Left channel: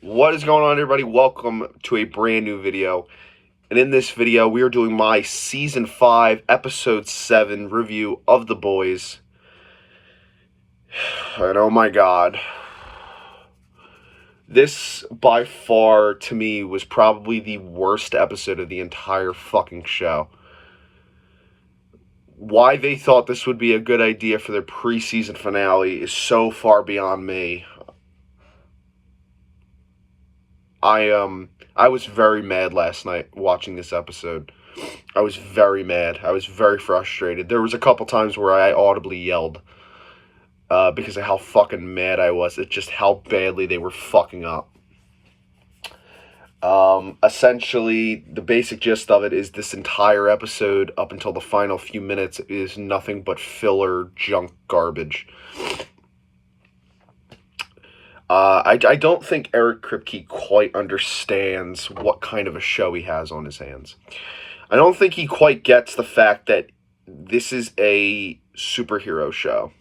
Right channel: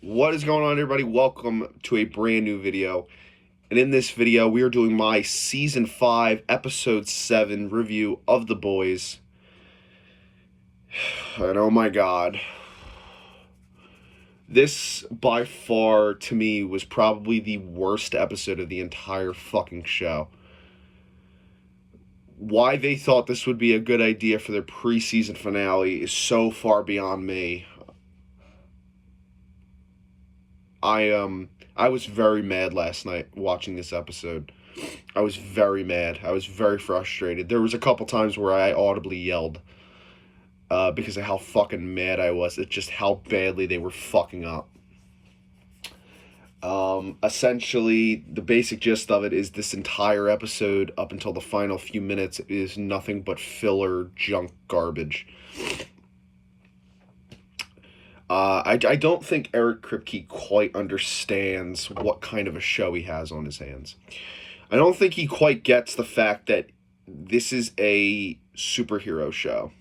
What is going on, everybody? Welcome to a brand new video. And in this video, we are doing my Season 5, Episode 7 review of The Boys. And oh my god. This, by far, to me, was probably the worst episode of the entire fucking show. Why they thought this would be a good idea for their preseason finale is so far beyond me. I was very mad last night watching this episode. I was very mad. I was very frustrated. There was a couple times where I audibly yelled because of how fucking mad I was at just how badly they were fucking up. Essentially, the basic gist of it is this entire episode, up until the final few minutes, is nothing but filler junk garbage. I don't think Eric Kripke quite understands what kind of a show he has on his hands. I don't think he quite gets the fact that this is a superhero show.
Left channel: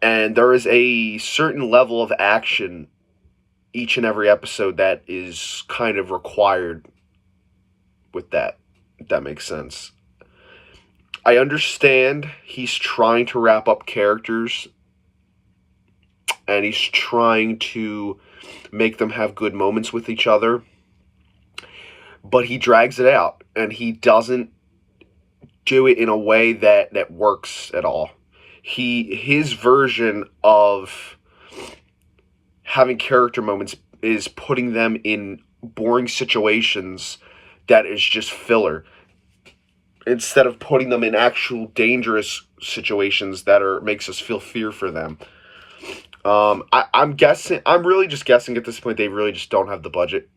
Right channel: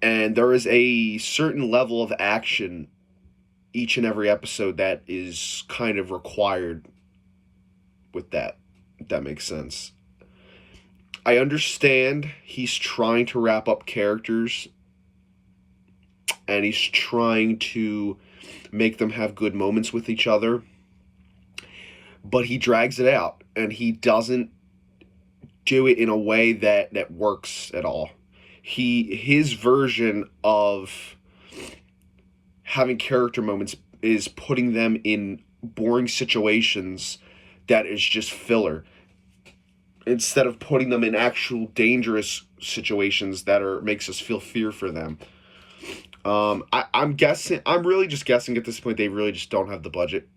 And there is a certain level of action each and every episode that is kind of required with that, if that makes sense. I understand he's trying to wrap up characters and he's trying to make them have good moments with each other, but he drags it out, and he doesn't do it in a way that works at all. His version of having character moments is putting them in boring situations that is just filler, instead of putting them in actual dangerous situations that makes us feel fear for them. I'm really just guessing at this point, they really just don't have the budget.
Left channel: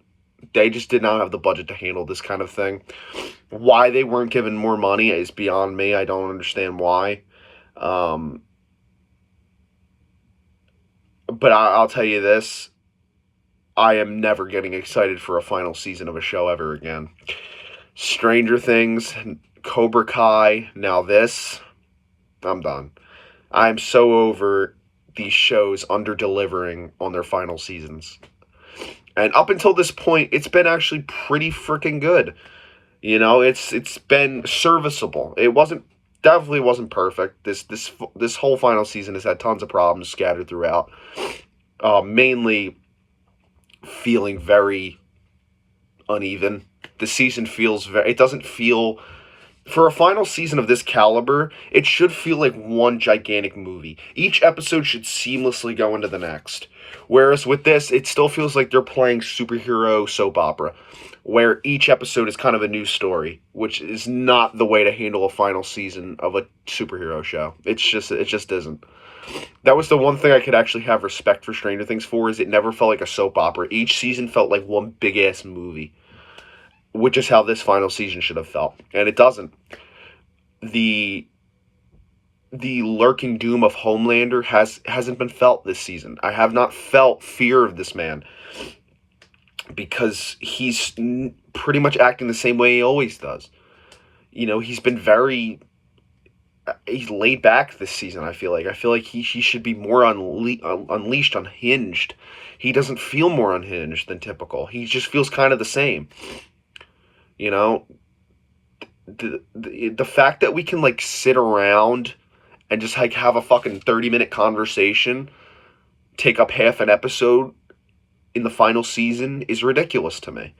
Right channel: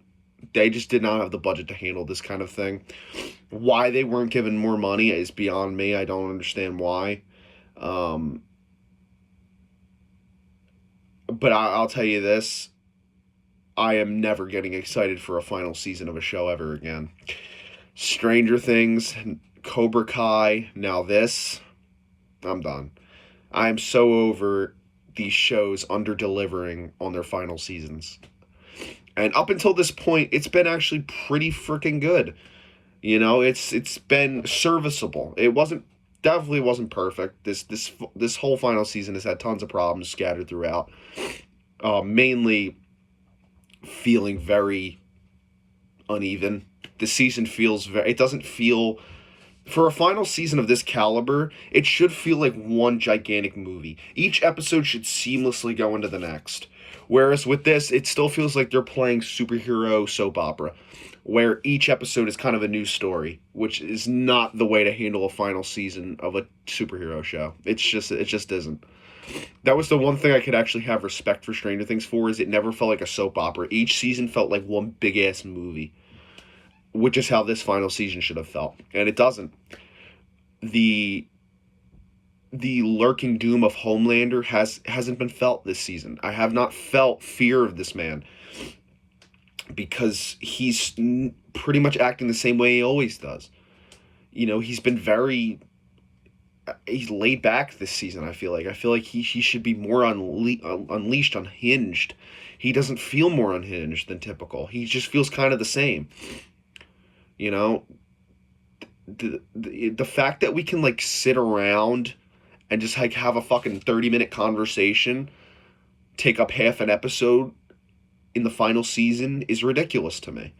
They just did not have the budget to handle this kind of thing. Why they weren't given more money is beyond me. I don't understand why. But I'll tell you this. I am never getting excited for a final season of a show ever again. Stranger Things, Cobra Kai, now this. I'm done. I'm so over these shows under-delivering on their final seasons. And up until this point, it's been actually pretty freaking good. You know, it's been serviceable. It definitely wasn't perfect. This whole final season has had tons of problems scattered throughout. Mainly feeling very uneven. The season feels it doesn't feel, for a final season of this caliber, it should feel like one gigantic movie. Each episode should seamlessly go into the next. Whereas with this, it still feels like they're playing superhero soap opera, where each episode is kind of a new story, which is not the way to handle a final season of a superhero show. It just isn't. That was the one thing I could actually have respect for Stranger Things for, is it never felt like a soap opera. Each season felt like one big-ass movie, which is how this final season should have felt, and it doesn't. The lurking doom of Homelander hasn't been felt this season. I have not felt fear of this man, because he's pretty much acting the same way he always does. You know, he's laid back this season. I feel like he should be more unleashed, unhinged. He doesn't feel more unhinged than typical. He just feels kind of the same. You know, the fact that we can like sit around and just like have a fucking 30-minute conversation take up half an episode in the final season is ridiculous to me.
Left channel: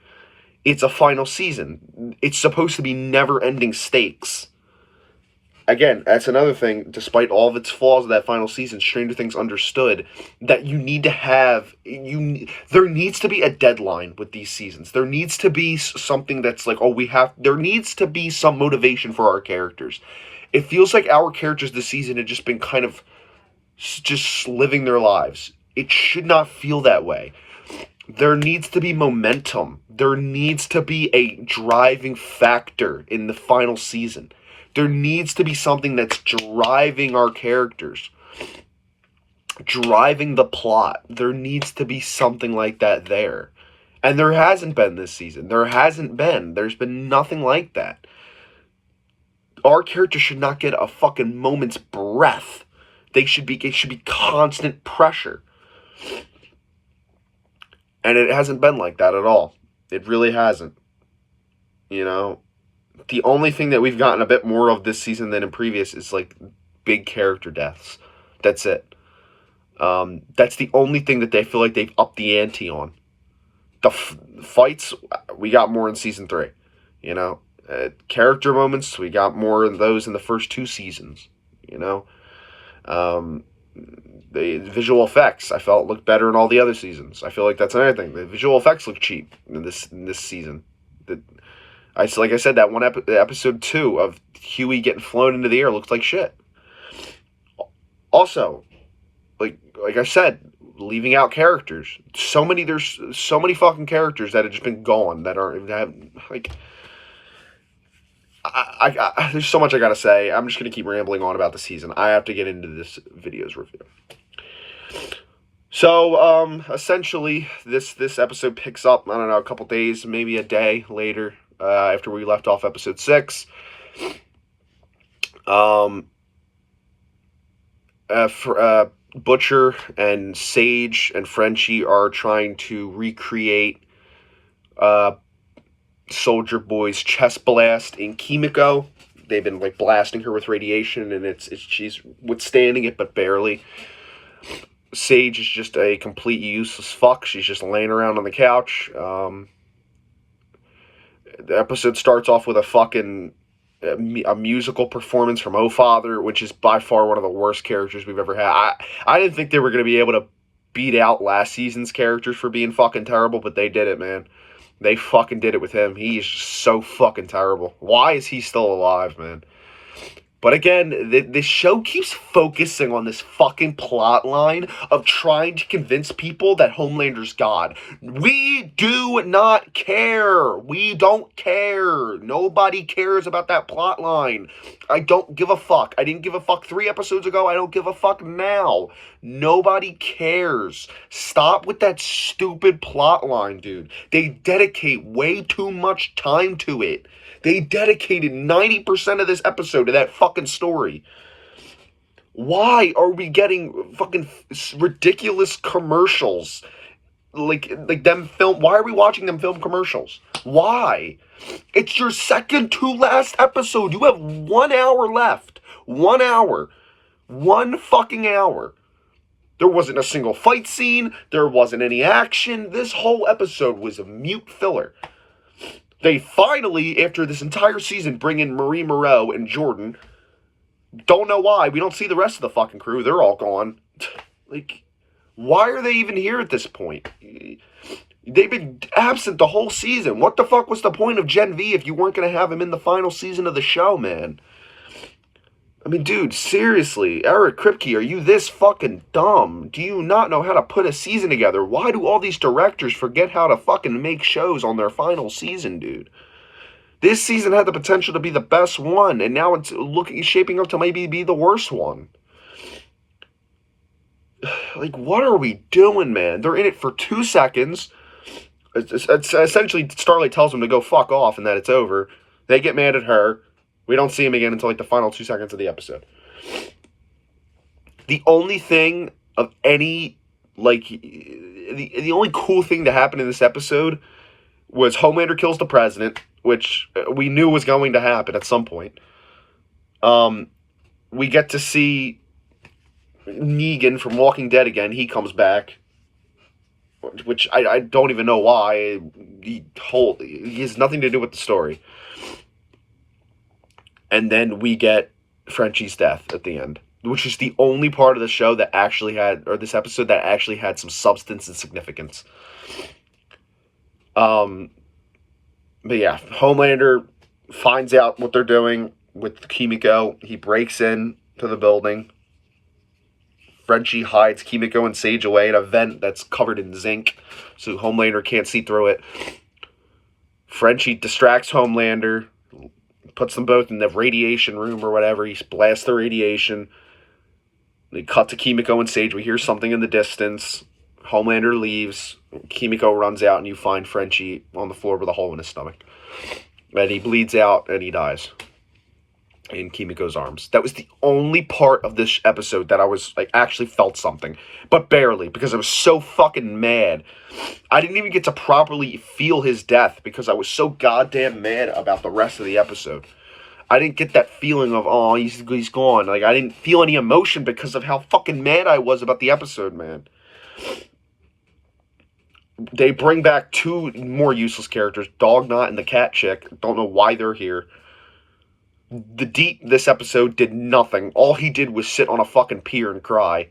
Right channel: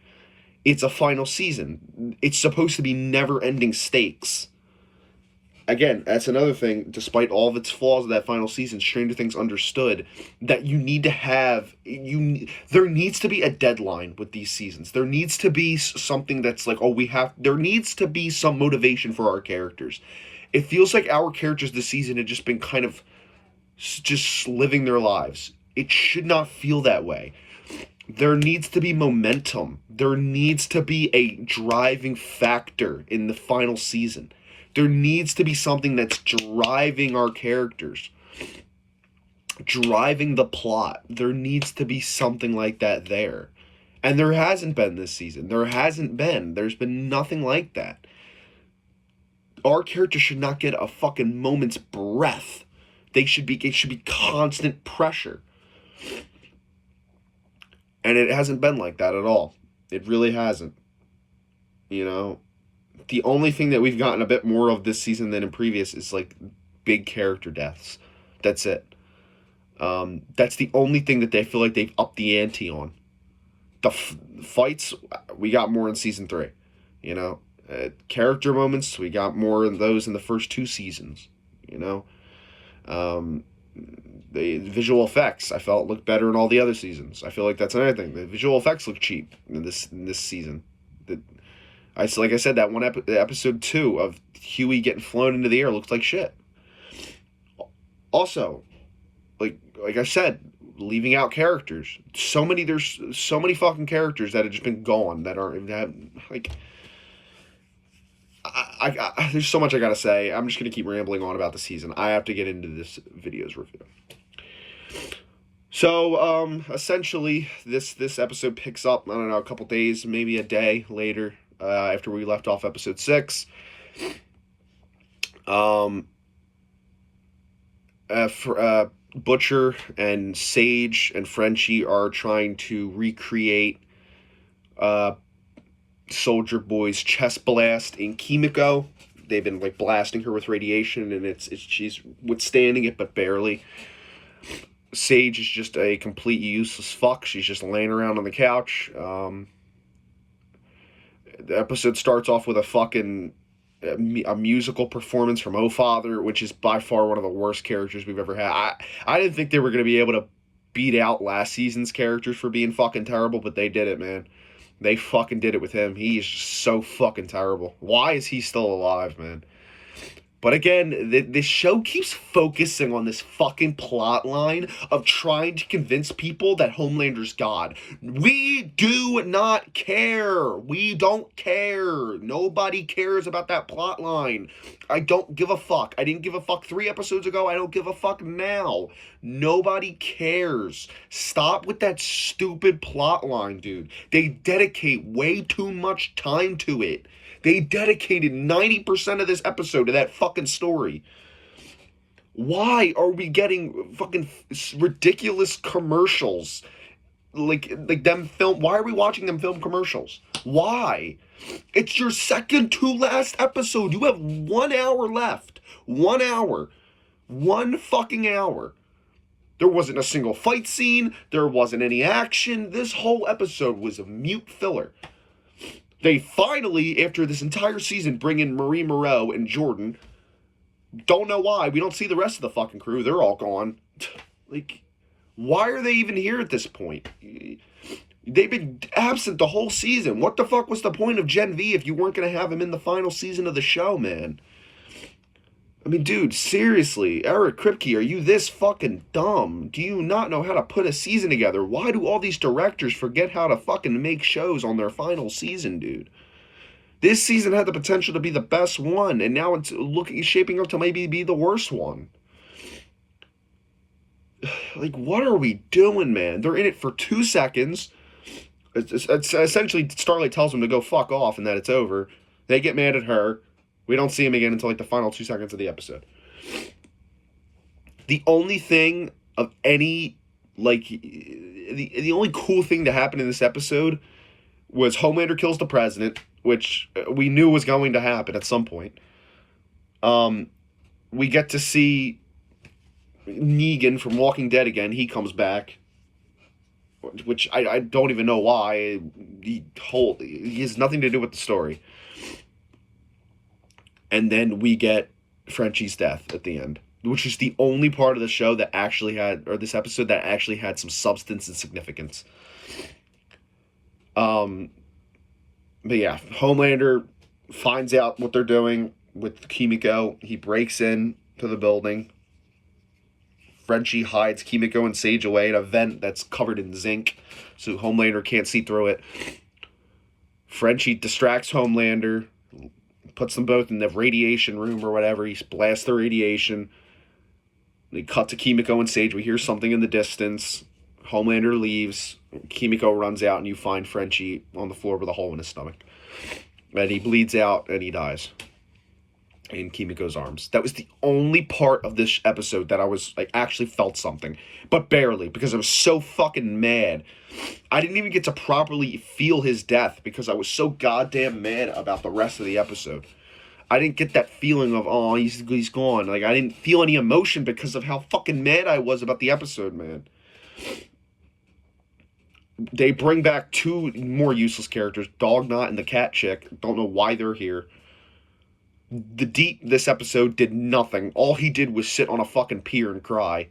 It's a final season. It's supposed to be never-ending stakes. Again, that's another thing. Despite all of its flaws of that final season, Stranger Things understood that you need to have there needs to be a deadline with these seasons. There needs to be something that's like, there needs to be some motivation for our characters. It feels like our characters this season have just been kind of just living their lives. It should not feel that way. There needs to be momentum. There needs to be a driving factor in the final season. There needs to be something that's driving our characters, driving the plot. There needs to be something like that there. And there hasn't been this season. There's been nothing like that. Our characters should not get a fucking moment's breath. It should be constant pressure. And it hasn't been like that at all. It really hasn't. You know, the only thing that we've gotten a bit more of this season than in previous is like big character deaths. That's it. That's the only thing that they feel like they've upped the ante on. The fights, we got more in season 3. You know, character moments, we got more of those in the first 2 seasons. You know, the visual effects I felt looked better in all the other seasons. I feel like that's another thing. The visual effects look cheap in this season. Like I said, that one episode 2 of Huey getting flown into the air looks like shit. Also, like I said, leaving out characters. There's so many fucking characters that have just been gone that like. There's so much I gotta say. I'm just gonna keep rambling on about the season. I have to get into this video's review. So, essentially, this episode picks up, I don't know, a couple days, maybe a day later, after we left off episode 6. Butcher and Sage and Frenchie are trying to recreate Soldier Boy's chest blast in Kimiko. They've been like blasting her with radiation, and she's withstanding it, but barely. Sage is just a complete useless fuck. She's just laying around on the couch. The episode starts off with a musical performance from Oh Father, which is by far one of the worst characters we've ever had. I didn't think they were going to be able to beat out last season's characters for being fucking terrible, but they did it, man. They fucking did it with him. He is just so fucking terrible. Why is he still alive, man? But again, this show keeps focusing on this fucking plot line of trying to convince people that Homelander's God. We do not care. We don't care. Nobody cares about that plot line. I don't give a fuck. I didn't give a fuck 3 episodes ago. I don't give a fuck now. Nobody cares. Stop with that stupid plot line, dude. They dedicate way too much time to it. They dedicated 90% of this episode to that fucking story. Why are we getting fucking ridiculous commercials? Like them film. Why are we watching them film commercials? Why? It's your second to last episode. You have 1 hour left. 1 hour. 1 fucking hour. There wasn't a single fight scene. There wasn't any action. This whole episode was a mute filler. They finally, after this entire season, bring in Marie Moreau and Jordan. Don't know why. We don't see the rest of the fucking crew. They're all gone. Like, why are they even here at this point? They've been absent the whole season. What the fuck was the point of Gen V if you weren't going to have him in the final season of the show, man? I mean, dude, seriously, Eric Kripke, are you this fucking dumb? Do you not know how to put a season together? Why do all these directors forget how to fucking make shows on their final season, dude? This season had the potential to be the best one, and now it's shaping up to maybe be the worst one. Like, what are we doing, man? They're in it for 2 seconds. It's essentially, Starlight tells them to go fuck off and that it's over. They get mad at her. We don't see him again until like the final 2 seconds of the episode. The only thing of any, like, the only cool thing to happen in this episode was Homelander kills the president, which we knew was going to happen at some point. We get to see Negan from Walking Dead again. He comes back, which I don't even know why. He has nothing to do with the story. And then we get Frenchie's death at the end, which is the only part of the show that actually had, or this episode that actually had some substance and significance. But yeah, Homelander finds out what they're doing with Kimiko. He breaks in to the building. Frenchie hides Kimiko and Sage away in a vent that's covered in zinc, so Homelander can't see through it. Frenchie distracts Homelander, puts them both in the radiation room or whatever. He blasts the radiation. They cut to Kimiko and Sage. We hear something in the distance. Homelander leaves. Kimiko runs out, and you find Frenchie on the floor with a hole in his stomach. And he bleeds out, and he dies. in Kimiko's arms. That was the only part of this episode that I was like actually felt something, but barely, because I was so fucking mad. I didn't even get to properly feel his death because I was so goddamn mad about the rest of the episode. I didn't get that feeling of, oh, he's gone. Like, I didn't feel any emotion because of how fucking mad I was about the episode, man. They bring back two more useless characters, Dognot and the cat chick. Don't know why they're here. The Deep this episode did nothing. All he did was sit on a fucking pier and cry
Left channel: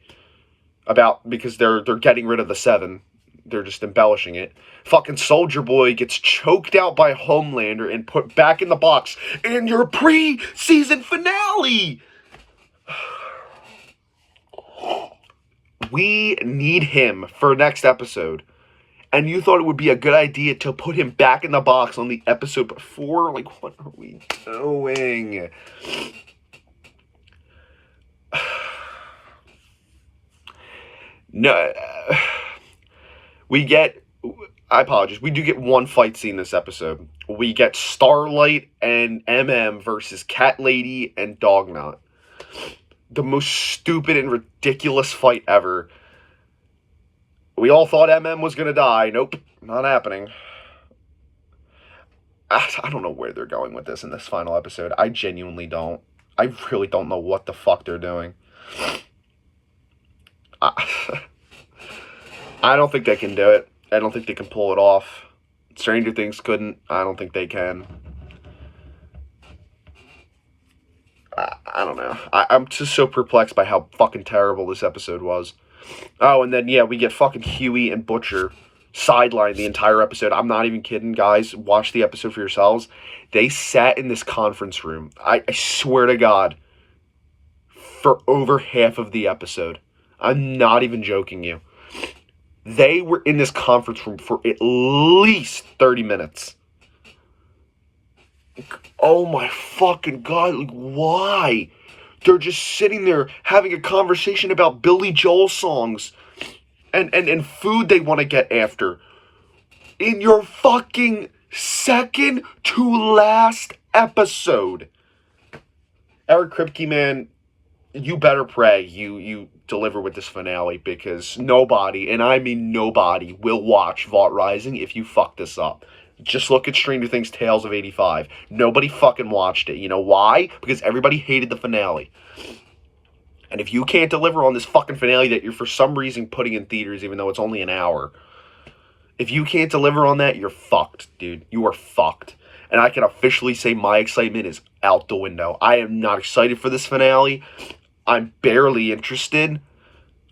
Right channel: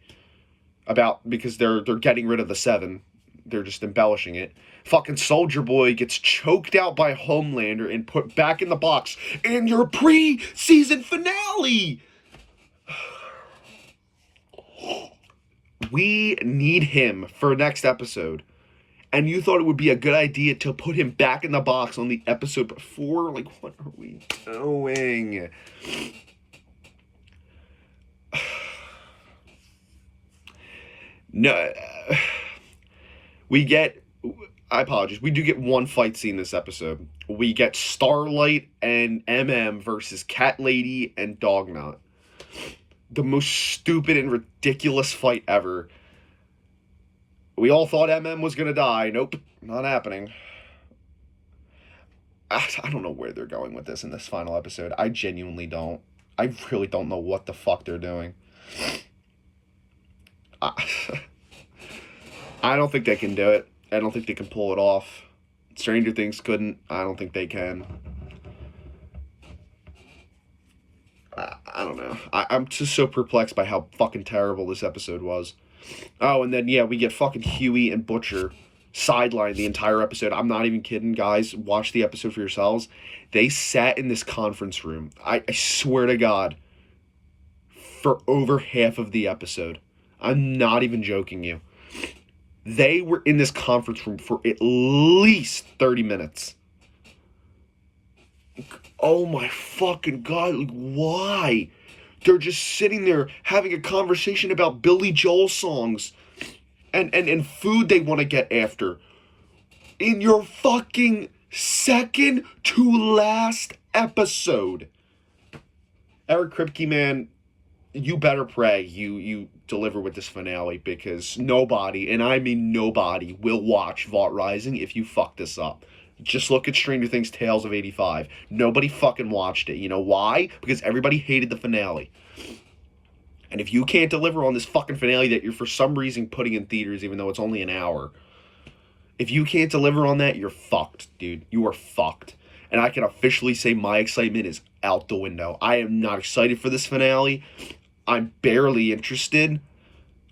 because they're getting rid of the Seven. They're just embellishing it. Fucking Soldier Boy gets choked out by Homelander and put back in the box in your pre-season finale. We need him for next episode. And you thought it would be a good idea to put him back in the box on the episode before? Like, what are we doing? No. I apologize. We do get one fight scene this episode. We get Starlight and MM versus Cat Lady and Dognot. The most stupid and ridiculous fight ever. We all thought MM was going to die. Nope, not happening. I don't know where they're going with this in this final episode. I genuinely don't. I really don't know what the fuck they're doing. I don't think they can do it. I don't think they can pull it off. Stranger Things couldn't. I don't think they can. I don't know. I'm just so perplexed by how fucking terrible this episode was. Oh, and then, yeah, we get fucking Huey and Butcher sidelined the entire episode. I'm not even kidding, guys. Watch the episode for yourselves. They sat in this conference room, I swear to God, for over half of the episode. I'm not even joking you. They were in this conference room for at least 30 minutes. Oh my fucking God, like, why? They're just sitting there having a conversation about Billy Joel songs and food they want to get after. In your fucking second to last episode. Eric Kripke, man, you better pray you deliver with this finale, because nobody, and I mean nobody, will watch Vault Rising if you fuck this up. Just look at Stranger Things Tales of 85. Nobody fucking watched it. You know why? Because everybody hated the finale. And if you can't deliver on this fucking finale that you're for some reason putting in theaters, even though it's only an hour, if you can't deliver on that, you're fucked, dude. You are fucked. And I can officially say my excitement is out the window. I am not excited for this finale. I'm barely interested.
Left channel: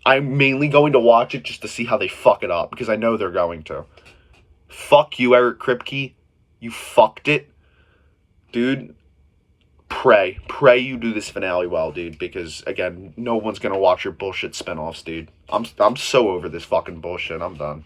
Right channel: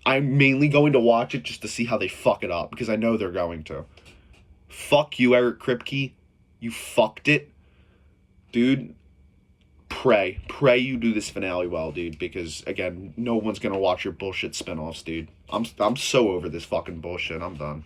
I'm mainly going to watch it just to see how they fuck it up, because I know they're going to. Fuck you, Eric Kripke. You fucked it. Dude, pray you do this finale well, dude, because, again, no one's gonna watch your bullshit spinoffs, dude. I'm so over this fucking bullshit. I'm done.